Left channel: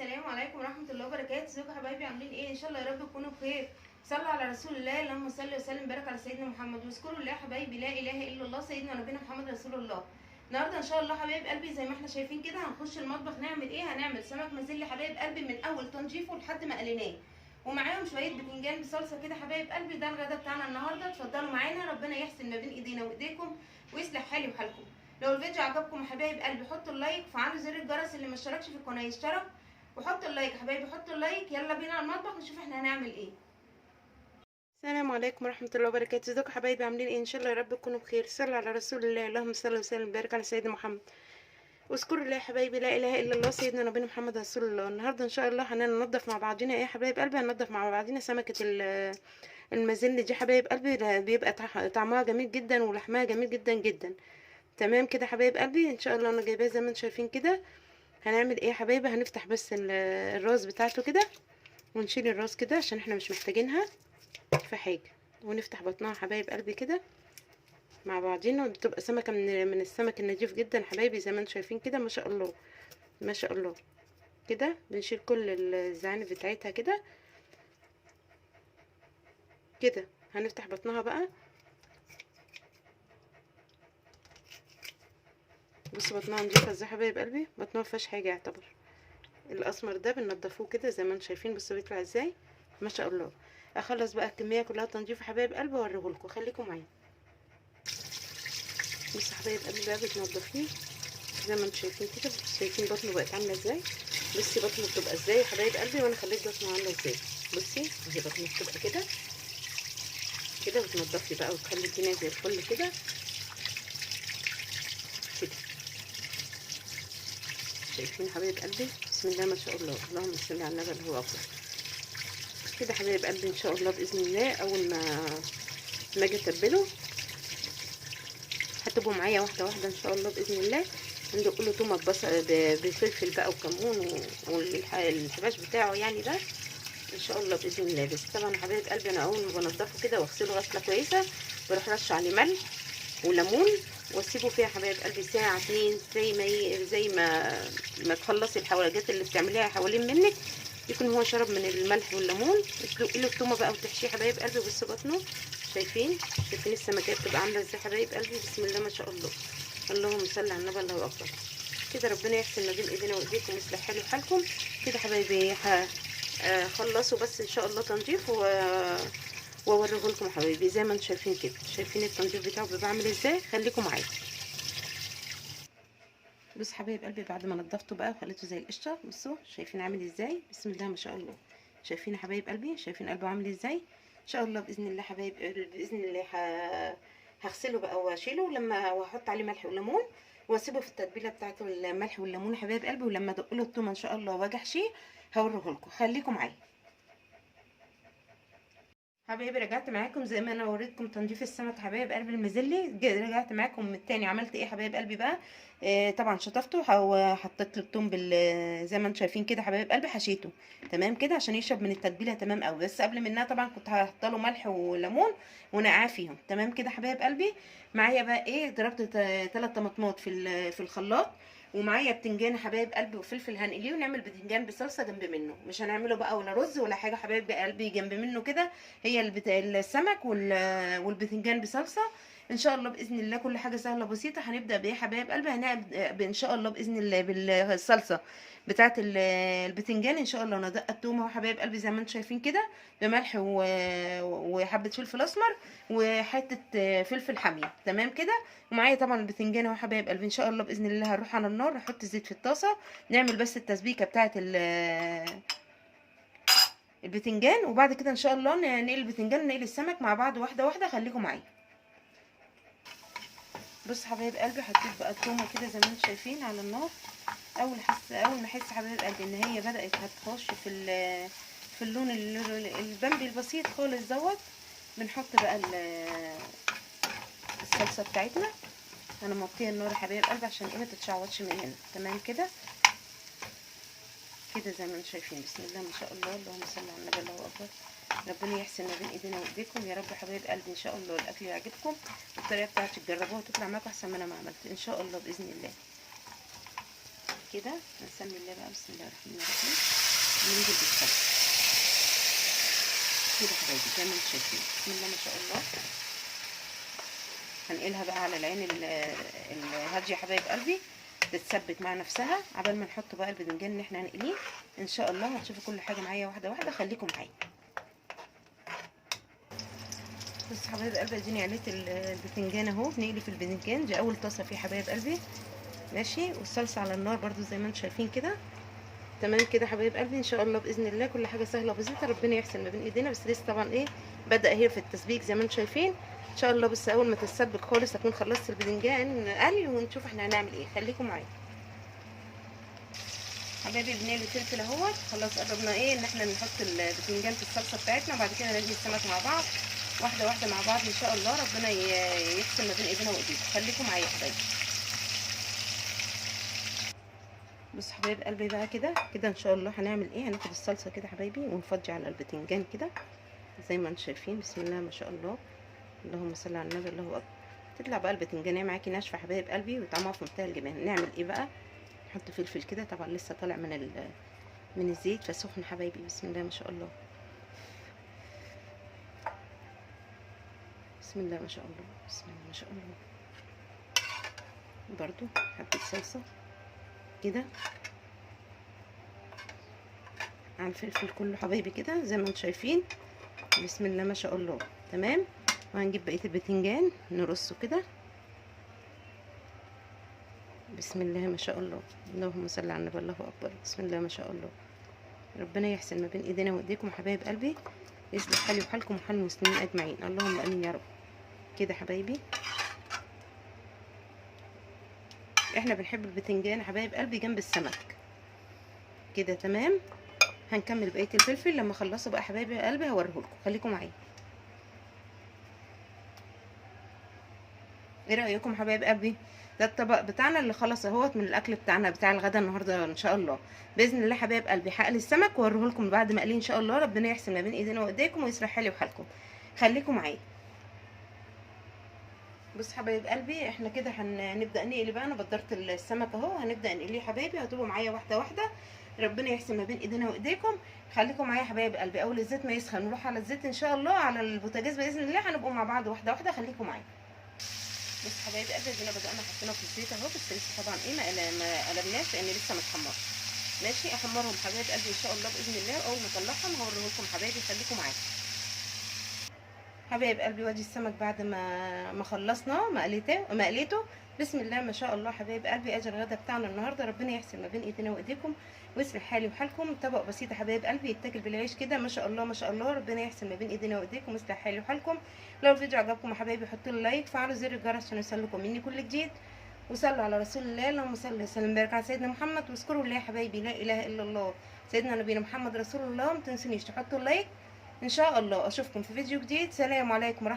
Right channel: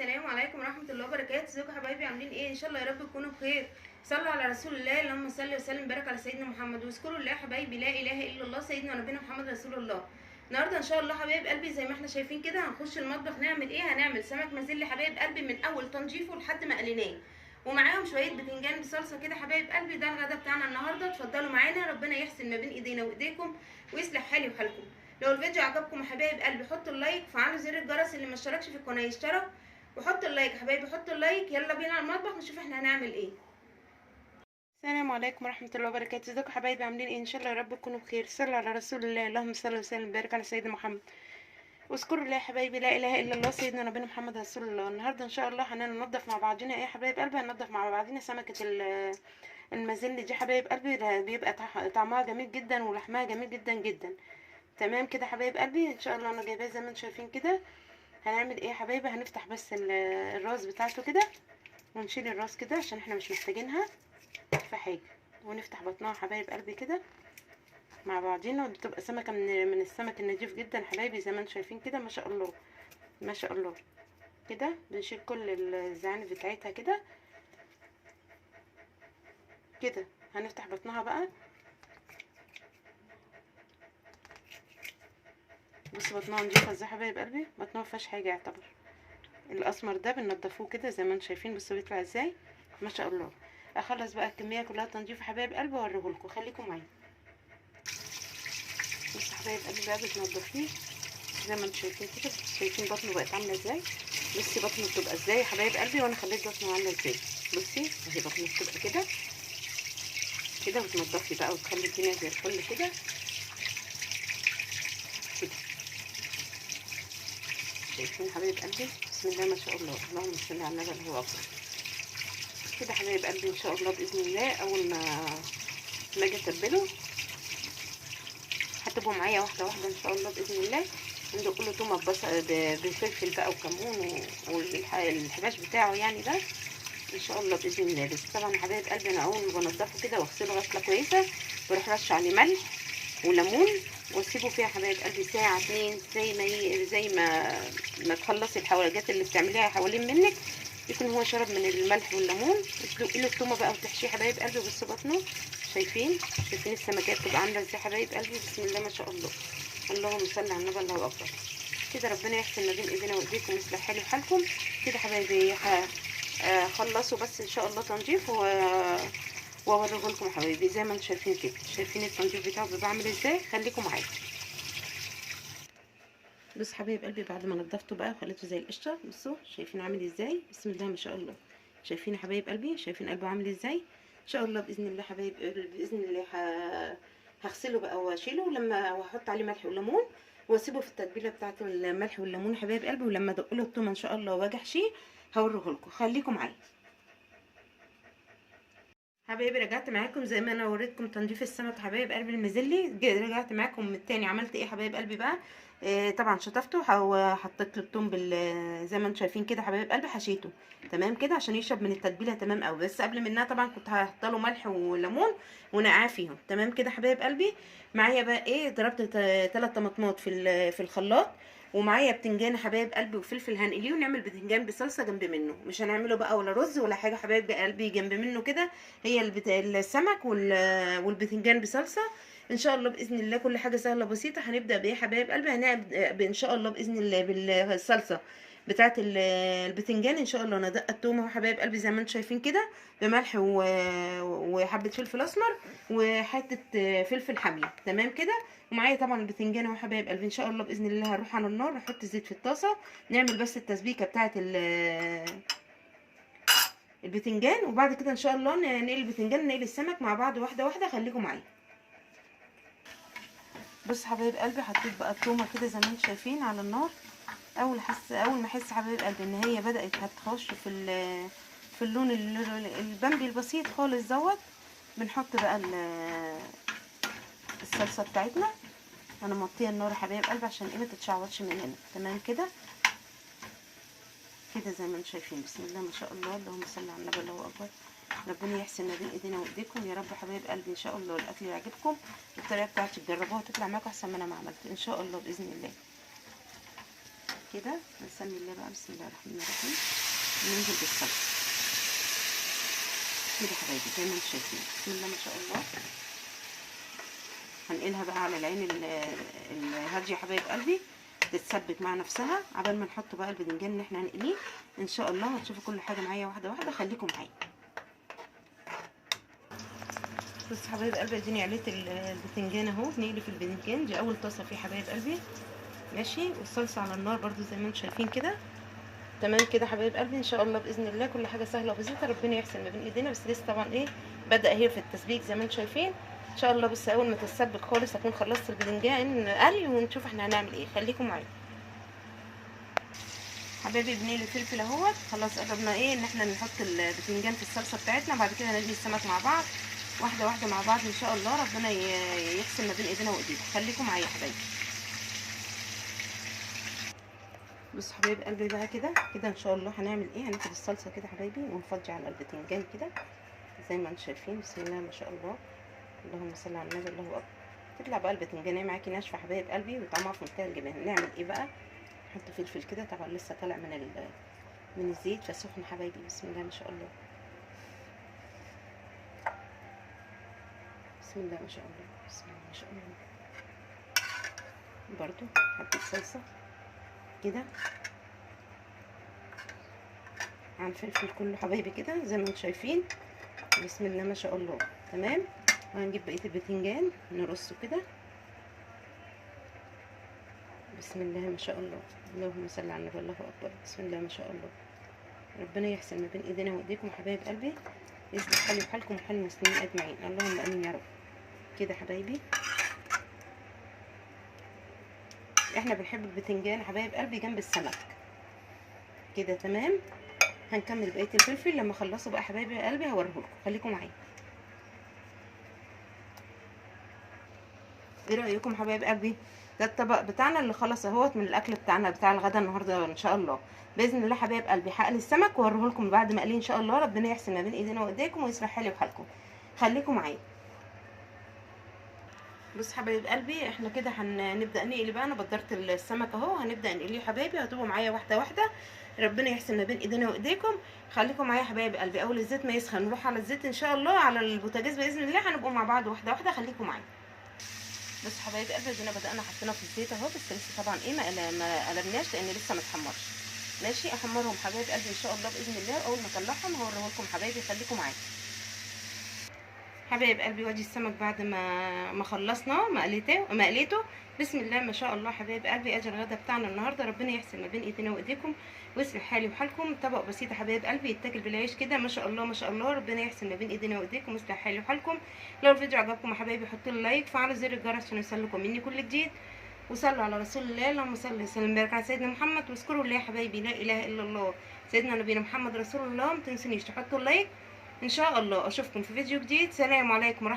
السلام عليكم ورحمه الله وبركاته. ازيكم يا حبايبي؟ عاملين ايه؟ ان شاء الله يا رب تكونوا بخير. صلوا على رسول الله، اللهم صل وسلم وبارك على سيدنا محمد. واذكروا الله يا حبايبي، لا اله الا الله، سيدنا ونبينا محمد رسول الله. النهارده ان شاء الله حبايب قلبي زي ما احنا شايفين كده هنخش المطبخ نعمل ايه؟ هنعمل سمك مازيلي حبايب قلبي من اول تنظيفه لحد ما قليناه، ومعاهم شويه بتنجان بصلصه كده حبايب قلبي. ده الغدا بتاعنا النهارده. اتفضلوا معانا، ربنا يحسن ما بين ايدينا وايديكم ويصلح حالي وحالكم. لو الفيديو عجبكم يا حبايب قلبي حطوا اللايك وفعلوا زر الجرس، اللي ما اشتركش في القناه يشترك وحطوا اللايك يا حبايبي، حطوا اللايك. يلا بينا على المطبخ نشوف احنا هنعمل ايه. السلام عليكم ورحمه الله وبركاته. ازيكم يا حبايبي؟ عاملين ايه؟ ان شاء الله يا رب تكونوا بخير. صلوا على رسول الله، اللهم صل وسلم وبارك على سيدنا محمد. واذكروا الله يا حبايبي، لا اله الا الله، سيدنا نبينا محمد رسول الله. النهارده ان شاء الله هننضف مع بعضينا ايه يا حبايب قلبي؟ هننضف مع بعضينا سمكه المازيل دي حبايب قلبي. ده بيبقى طعمها جميل جدا ولحمها جميل جدا جدا. تمام كده حبايب قلبي. ان شاء الله انا جايباه زي ما انتم شايفين كده. هنعمل ايه يا حبايبي؟ هنفتح بس الراس بتاعته كده، ونشيل الراس كده عشان احنا مش محتاجينها في حاجه، ونفتح بطنها حبايب قلبي كده مع بعضينا. بتبقى سمكه من السمك النضيف جدا حبايبي زي ما انتم شايفين كده. ما شاء الله ما شاء الله. كده بنشيل كل الزعانف بتاعتها كده كده. هنفتح بطنها بقى. بص بطنها نضيفه ازاي حبايب قلبي، بطنها مفيهاش حاجه يعتبر. الاسمر ده بننضفوه كده زي ما انتم شايفين. بصوا بيطلع ازاي، ما شاء الله. اخلص بقى الكميه كلها تنظيف حبايب قلبي واوريهولكم، خليكم معايا. بصوا حبايب قلبي بقى بتنضفيه زي ما انتم شايفين كده. شايفين بطنه بقت عامله ازاي؟ بصي بطنه بتبقى ازاي يا حبايب قلبي، وانا خليت بطنه عامله ازاي. بصي اهي بطنه بتبقى كده كده. وتنضفي بقى وتخلي الدنيا زي الفل كده كده. شايفين حبايب قلبي؟ بسم الله ما شاء الله، اللهم صل على النبي اللي هو افضل. كده حبايب قلبي ان شاء الله باذن الله اول ما اجي اتبله هتبقوا معايا واحده واحده ان شاء الله باذن الله. ندق له تومه بفلفل بقى وكمون والحباش بتاعه يعني ده ان شاء الله باذن الله. بس طبعا حبايب قلبي انا اول ما بنضفه كده واغسله غسله كويسه بروح رش عليه ملح وليمون واسيبه فيها حبايب قلبي ساعه اتنين زي ما تخلصي الحواجات اللي بتعمليها حوالين منك، يكون هو شرب من الملح والليمون. تسلقي له التومه بقى وتحشيه حبايب قلبي. بص بطنه شايفين السمكات بتبقى عامله ازاي حبايب قلبي؟ بسم الله ما شاء الله، اللهم صل على النبي الله اكبر. كده ربنا يحسن ما بين ايدينا وايديكم ويصلح حالي وحالكم. كده حبايبي خلصوا بس ان شاء الله تنظيف واوريه لكم حبايبي زي ما انتم شايفين كده. شايفين التنظيف بتاعه بيبقى عامل ازاي؟ خليكم معايا. بص حبايب قلبي بعد ما نضفته بقى خليته زي القشطه. بصوا شايفين عامل ازاي؟ بسم الله ما شاء الله. شايفين يا حبايب قلبي؟ شايفين قلبه عامل ازاي؟ ان شاء الله باذن الله حبايب باذن الله هغسله بقى واشيله لما واحط عليه ملح وليمون واسيبه في التتبيله بتاعته الملح والليمون يا حبايب قلبي. ولما ادق له التومه ان شاء الله واجي احشيه هوريه لكم، خليكم معايا حبايبي. رجعت معاكم زي ما انا وريتكم تنظيف السمك حبايب قلبي المازيلي. رجعت معاكم من التاني. عملت ايه حبايب قلبي بقى؟ طبعا شطفته وحطيت له الثوم زي ما انتم شايفين كده حبايب قلبي. حشيته تمام كده عشان يشرب من التتبيله تمام قوي. بس قبل منها طبعا كنت هحط له ملح وليمون ونقعاه فيهم تمام كده حبايب قلبي. معايا بقى ايه؟ ضربت 3 طماطمات في الخلاط، ومعايا بتنجان حبايب قلبي وفلفل. هنقليه ونعمل بتنجان بصلصه جنب منه. مش هنعمله بقى ولا رز ولا حاجه حبايب قلبي جنب منه كده. هي السمك والبتنجان بصلصه ان شاء الله باذن الله. كل حاجه سهله بسيطه. هنبدا بايه حبايب قلبي؟ هنبدا ان شاء الله باذن الله بالصلصه بتاعه البتنجان ان شاء الله. ندق التومه حبايب قلبي زي ما انتم شايفين كده بملح وحبه فلفل اسمر وحته فلفل حاميه تمام كده. ومعايا طبعا البتنجان اهو حبايب قلبي. ان شاء الله باذن الله هنروح على النار نحط الزيت في الطاسه نعمل بس التسبيكه بتاعه البتنجان، وبعد كده ان شاء الله نقلي البتنجان ونقلي السمك مع بعض واحده واحده. خليكم معايا. بص حبايب قلبي حطيت بقى التومه كده زي ما انتم شايفين على النار. اول ما احس حبايب قلبي ان هي بدات هتخش في اللون البامبي البسيط خالص دوت، بنحط بقى الصلصه بتاعتنا. انا موطيه النار يا حبايب قلبي عشان ايه ما تتشعوطش من هنا تمام كده كده زي ما انتم شايفين. بسم الله ما شاء الله، اللهم صل على النبي الله اكبر. ربنا يحسن ما بين ايدينا وايديكم يا رب حبايب قلبي. ان شاء الله الاكل يعجبكم الطريقه بتاعتي تجربوها وتطلع معاكم احسن ما انا ما عملت ان شاء الله باذن الله. كده نسمي الله بقى. بسم الله الرحمن الرحيم. ننزل بالصلصه كده حبايبي زي ما انتم شايفين. بسم الله ما شاء الله. هنقلها بقى على العين الهاديه يا حبايب قلبي تتسبك مع نفسها عبال ما نحط بقى الباذنجان اللي احنا هنقليه ان شاء الله. هتشوفوا كل حاجه معايا واحده واحده، خليكم معايا. بصوا حبايب قلبي اديني عليت الباذنجان اهو. نقلي في الباذنجان دي اول طاسه فيه حبايب قلبي ماشي، والصلصه على النار برده زي ما انتم شايفين كده. تمام كده حبايب قلبي. ان شاء الله باذن الله كل حاجه سهله وبسيطه، ربنا يحسن ما بين ايدينا. بس لسه طبعا ايه بدا هي في التسبيك زي ما انتم شايفين ان شاء الله. بس اول ما تتسبك خالص اكون خلصت الباذنجان قلي ونشوف احنا هنعمل ايه. خليكم معايا حبايبي. بنقلي الفلفل اهوت خلاص. قربنا ايه ان احنا نحط الباذنجان في الصلصه بتاعتنا، وبعد كده نقلي السمك مع بعض واحده واحده مع بعض ان شاء الله. ربنا يحسن ما بين ايدينا وايديكم. خليكم معايا يا حبايبي. بصوا حبايب قلبي بقى كده كده ان شاء الله هنعمل ايه. هناخد الصلصه كده حبايبي ونفضي على الباذنجان كده زي ما انتم شايفين. بسم الله ما شاء الله. اللهم صل على النبي. الله اكبر. تطلع بقى الباذنجانيه معاكي ناشفه حبايب قلبي وطعمها في منتهى الجمال. نعمل ايه بقى؟ نحط فلفل كده طبعا لسه طالع من الزيت فسخن حبايبي. بسم الله ما شاء الله. بسم الله ما شاء الله. بسم الله ما شاء الله. برضو حبه صلصه كده على الفلفل كله حبايبي كده زي ما انتم شايفين. بسم الله ما شاء الله. تمام. وهنجيب بقيه الباذنجان نرصه كده. بسم الله ما شاء الله. اللهم صل على النبي. الله اكبر. بسم الله ما شاء الله. ربنا يحسن ما بين ايدينا وايديكم حبايب قلبي، يصلح حالي وحالكم وحال المسلمين اجمعين. اللهم امين يا رب. كده حبايبي احنا بنحب الباذنجان حبايب قلبي جنب السمك كده. تمام. هنكمل بقيه الفلفل لما اخلصه بقى حبايبي قلبي هوريهولكم. خليكم معايا. ايه رايكم حبايب قلبي؟ ده الطبق بتاعنا اللي خلص اهوت من الاكل بتاعنا بتاع الغدا النهارده ان شاء الله. باذن الله حبايب قلبي هقلي السمك واوريهولكم بعد ما اقليه ان شاء الله. ربنا يحسن ما بين ايدينا وايديكم ويصلح حالي وحالكم. خليكم معايا. بص حبايب قلبي احنا كده هنبدا نقلي بقى. انا بدرت السمك اهو هنبدا نقليه حبايبي. هتبقوا معايا واحده واحده. ربنا يحسن ما بين ايدينا وايديكم. خليكم معايا حبايب قلبي. اول الزيت ما يسخن نروح على الزيت ان شاء الله على البوتاجاز باذن الله. هنبقوا مع بعض واحده واحده. خليكم معايا. بص حبايب قلبي ادينا بدانا حطينا في الزيت اهو. بس لسه طبعا ايه ما قلبناش لان لسه ما اتحمرش. ماشي. احمرهم حبايب قلبي ان شاء الله باذن الله. اول ما اطلعهم هوريهولكم حبايبي. خليكم معايا حبايب قلبي. وادي السمك بعد ما خلصناه مقليته. بسم الله ما شاء الله حبايب قلبي. اجي الغدا بتاعنا النهارده. ربنا يحسن ما بين ايدينا وايديكم ويصلح حالي وحالكم. طبق بسيط حبايب قلبي يتاكل بالعيش كده ما شاء الله ما شاء الله. ربنا يحسن ما بين ايدينا وايديكم ويصلح حالي وحالكم. لو الفيديو عجبكم يا حبايبي حطوا لي لايك، فعلوا زر الجرس عشان يوصلكم مني كل جديد، وصلوا على رسول الله. اللهم صل وسلم وبارك على سيدنا محمد. واذكروا الله يا حبايبي لا اله الا الله سيدنا نبينا محمد رسول الله. ما تنسونيش تحطوا اللايك ان شاء الله. اشوفكم في فيديو جديد. سلام عليكم ورحمه